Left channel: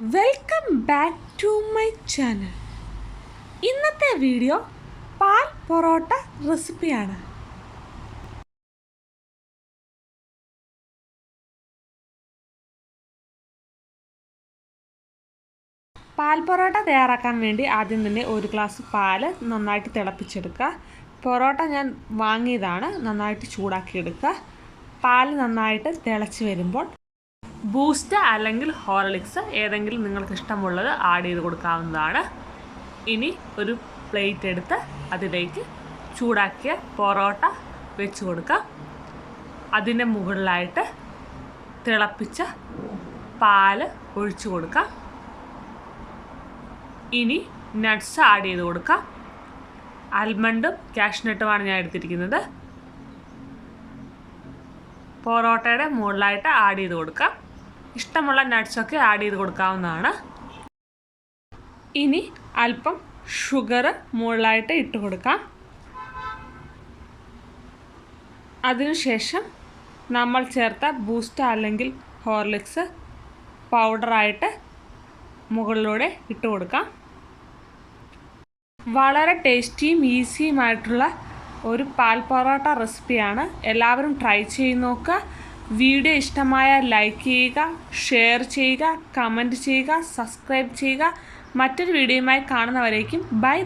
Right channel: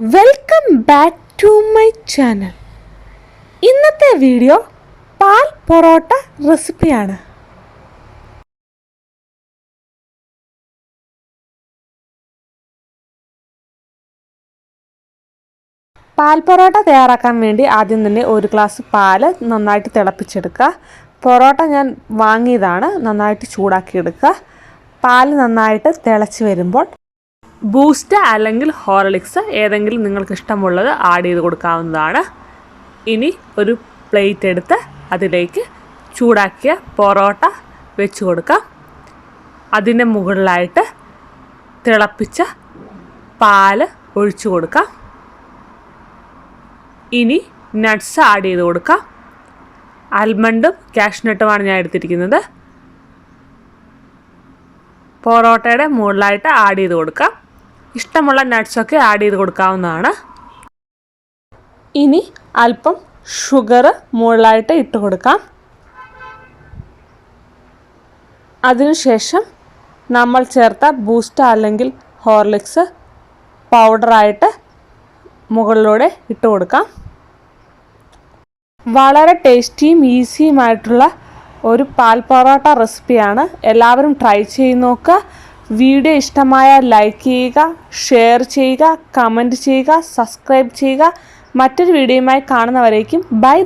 Welcome back to my channel. ഇന്നത്തെ video പാൽ പൊറോട്ട റെസിപ്പിയാണ്. പാൽ പൊറോട്ട തയ്യാറാക്കാൻ വേണ്ടി ആദ്യം തന്നെ ഒരു ഗ്ലാസ് പാല് നന്നായിട്ട് തിളപ്പിച്ചെടുക്കുക. പൊറോട്ട ഞാൻ വാങ്ങിയതാണ്, നന്നായിട്ട് ചൂടാക്കിയെടുക്കുക. പാല് നന്നായിട്ട് തിളച്ച് വരുമ്പോൾ ബൂസ്റ്റ് അല്ലെങ്കിൽ ഹോർലിക്സ് ഏതെങ്കിലും നിങ്ങൾക്ക് ഇഷ്ടമുള്ളത് ആഡ് ചെയ്ത് കൊടുക്കാവുന്നതാണ്. ഇനി ഒരു പ്ലേറ്റ് എടുത്ത് അതിലേക്ക് ചൂടാക്കിയ പൊറോട്ട വെച്ച് കൊടുക്കാം. അതിൻ്റെ മുകളിലായിട്ട് തിളപ്പിച്ച പാല് ഒഴിച്ചു കൊടുക്കാം. ഇനി നട്ട്സ് ആഡ് ചെയ്ത് കൊടുക്കാം. ആൽമണ്ടും കാഷ്നട്ടുമാണ് ഞാൻ എടുത്തിരിക്കുന്നത്. പൊറോട്ടയുടെ മുകളിലായിട്ട് ആഡ് ചെയ്ത് കൊടുക്കാം. ഇഷ്ടമുള്ള നട്ട്സൊക്കെ ആഡ് ചെയ്ത് കൊടുക്കാവുന്നതാണ്. ഇനി അല്പം ഷുഗർ മുകളിലായിട്ട് ഇട്ട് കൊടുക്കാം. അതിനുശേഷം നമ്മൾ ചേർത്ത ബൂസ്റ്റ് അല്ലെങ്കിൽ ഹോർലിക്സ് പൗഡറായിട്ട് മുകളിലൂടെ ഇട്ട് കൊടുക്കാം. വളരെ ടേസ്റ്റിയും ഈസിയുമായിട്ടുള്ള ഒരു പാൽ പൊറോട്ട റെസിപ്പിയാണ്. എല്ലാവരും ട്രൈ ചെയ്ത് നോക്കുക. വീഡിയോ ഇഷ്ടമായാൽ ലൈക്ക് ചെയ്യുക, ഷെയർ ചെയ്യുക, കമൻറ്റ് ചെയ്യുക, സബ്സ്ക്രൈബ് ചെയ്യുക. മറ്റൊരു വീഡിയോയുമായി കാണുന്നവരേക്കും ബൈ.